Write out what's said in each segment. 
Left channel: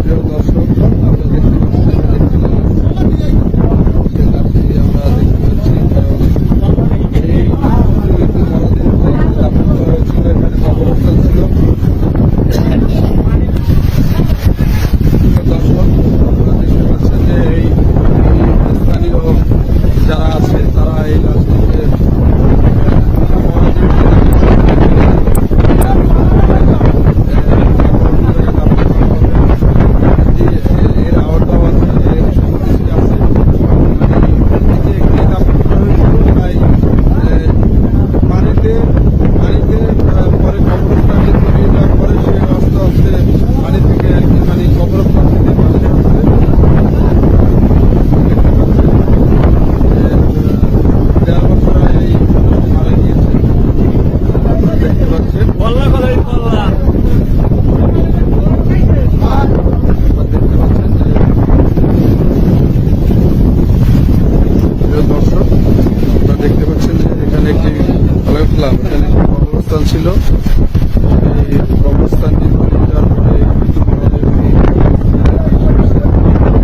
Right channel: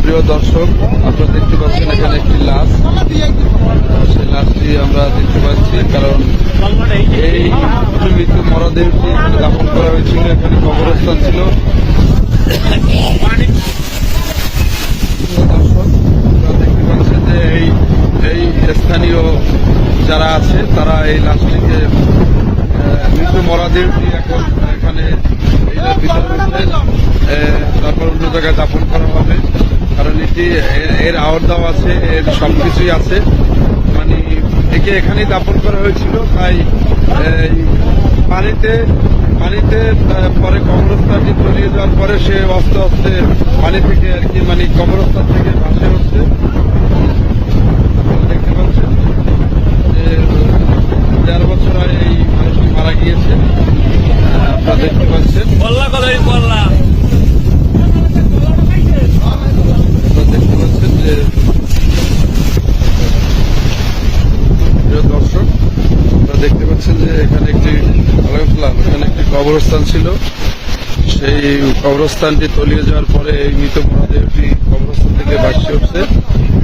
প্রিয় দর্শক, আপনারা দেখতে পাচ্ছেন এখানে একটি লাশ। সেই লাশটি আমরা দেখতে পাচ্ছি কারণ এই মৃত্যু মরদেহটি দাফন করা হয়েছিল, এখানে কবরস্থান ছিল। দর্শক, আপনারা দেখতে পাচ্ছেন যে এই এই স্থানীয় যারা আছে, তারা এই লাশটিকে মৃত্যু মরদেহটি এখানে আহ, বিতরণ করবেন আহ, তারপর অন্য জায়গায় দাফন করা হবে এটি এর- আওয়ার আছে, এর সব কিছুই আছে। মানে একে এখানেই দাফন করা হয়েছিল, তাই পানিতে পানিতে পরে কবরস্থানটি তলিয়ে যাওয়ার পরে সে আস্তে আস্তে পানি থেকে আর কি মানে কবরস্থান থেকে বাসে হচ্ছে। দেখতে পাচ্ছেন যে দেড় বছর এই মানুষটি মারা গিয়েছে। আপনারা দেখতে পাচ্ছেন কল্লা কলাই কল্লা আপনারা দেখতে পাচ্ছেন যে প্রিয় দর্শক আপনারা দেখতে পাচ্ছেন যে এখানে একটি আলাইকুম এখানে একটি কবরস্থান ছিল। সেই কবরস্থানটি তলিয়ে যাওয়ার পরে এই মৃত মরদেহটি কবরস্থান থেকে বাসি উঠছে।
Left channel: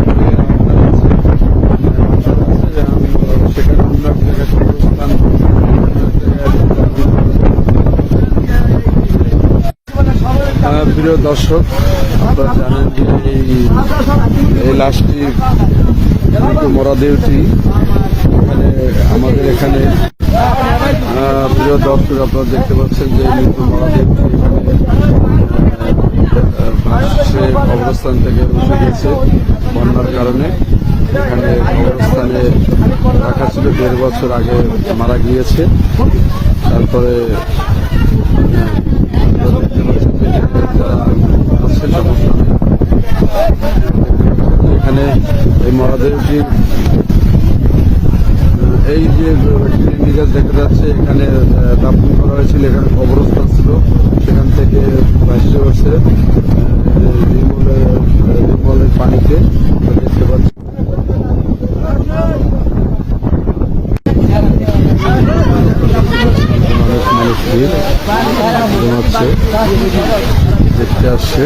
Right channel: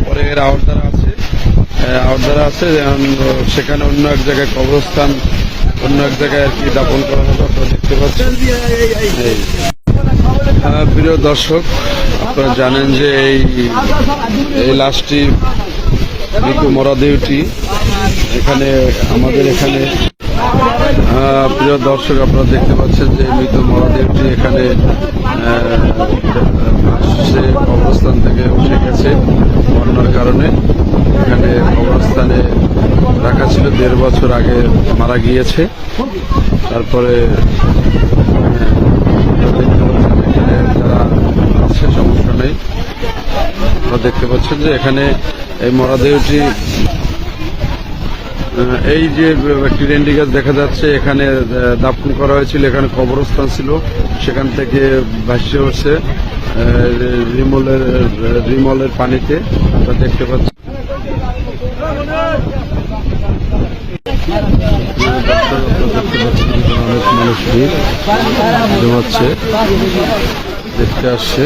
পরে এর আওতারা আছে। আহ, আওতারা আছে সেখানে অন্য এক জায়গায় কবরস্থান অন্য এক জায়গায় আর কি দাপন করা দেখতে পাচ্ছেন। হ্যাঁ, প্রিয় দর্শক আপনারা জানেন যে এই লাশটি মৃত মরদেহটি এখানে, আমাদের এখানে প্রিয় দর্শক আপনারা দেখতে পাচ্ছেন যে মৃত মরদেহটি এখানে ভাসছে কবরস্থান থেকে উঠে গেছে বন্যার কারণে। এখানে কবরস্থানে রাখা ছিল দেড় বছর আগে মারা গিয়েছে। তারপরে হ্যাঁ, আপনারা দেখতে পাচ্ছেন এখানে যারা আছে সমস্যা নেই আপনারা দেখতে পাচ্ছেন যে এখানে এই মরাদেহটি এই যে একটি গাছ দেখা যাচ্ছে এখানে দাপন করা হয়েছিল এখানে কবরস্থান ছিল সেখান থেকে ভাসছে আহ, রিমলের রিমলের পানিতে দেখতে পাচ্ছেন অনেক মানুষ ভিড় জমাচ্ছে দেখতে আসছে।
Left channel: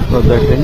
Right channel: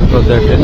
আপনারা দেখেন